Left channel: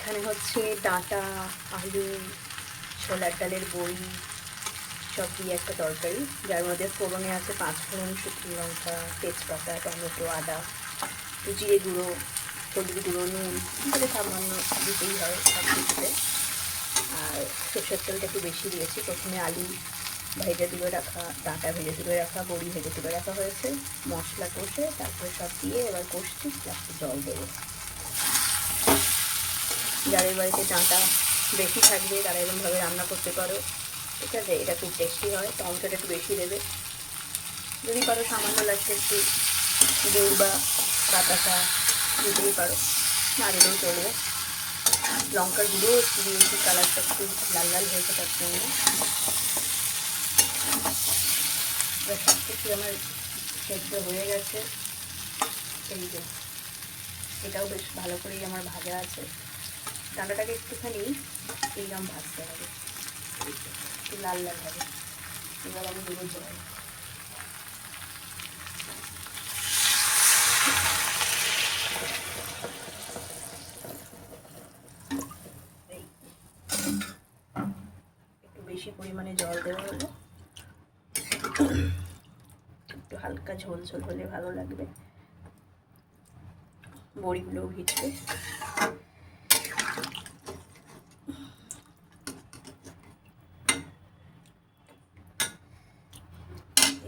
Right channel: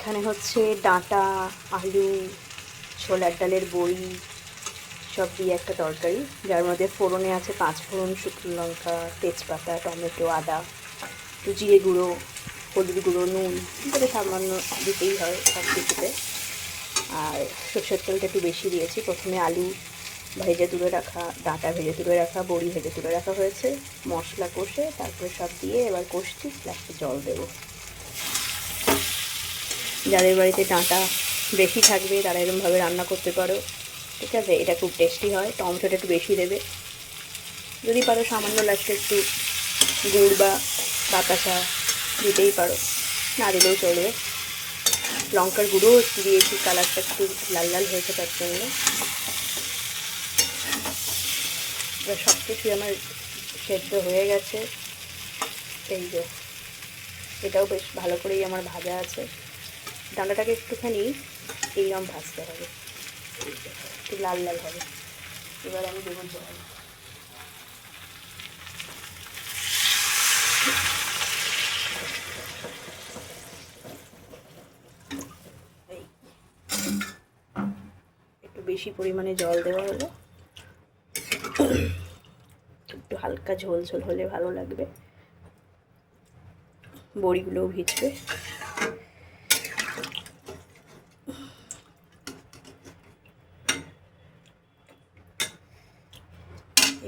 এখানে হচ্ছে ডাঁটা, আলু, ছোলার ডালের বড়ি সব দিয়ে একটা তরকারি, যার মধ্যে ফোড়নে আছে 5 ফোড়ন, শুকনো লঙ্কা, তেজপাতা, টমেটো, আদা, জিরে গুঁড়ো, হলুদ গুঁড়ো, নুন, এটাকে সামান্য দিতেই হয় সব কিছুতে। আর সরষের তেলটা একটু বেশি দিয়েছি। প্রথমে আলু ভেজে তুলে রাখা, ডাঁটা ভেজে তুলে রাখা, বড়ি ভেজে তুলে রাখা হয়েছে। মশলা কষে তারপরে সব দিয়ে এবার কষছি, লাস্টে জল দেবো। যাদের বাড়িতে ডাঁটা বেশি থাকবে তারা এরকমভাবে রান্না করতে পারো, ঠিক আছে? এটা খুব টেস্টি হয়। টমেটোটা একটু বেশি দেবে, যদি পারো সামান্য লাস্টে একটু গুড় বা বাতাসা দিতেই পারো, না দিলেও চলবে। লঙ্কার গুঁড়ো একটু দিয়েছি, কালারটা একটু লাল লাল হয়েছে তার জন্য। সব কিছুই আমার সেদ্ধ হয়ে গেছে। এই যে এটাও বেশ ভালো করেই আমার ভাজা আছে। ডাঁটাটাকে একটুখানি এইরকম ভাজতে হবে, একটু লাল লাল হবে। এবার আমি দেবো জল। একটু বেশি পরিমাণে জল দেওয়া হলো, একটু হালকা ঝোল ঝোল হলে ভালো লাগবে, বড়িগুলোও ভিজবে।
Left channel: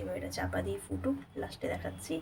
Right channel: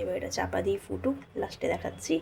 এবার এটা চাপা দিয়ে ফুটুক, লাস্টে দেখাচ্ছি।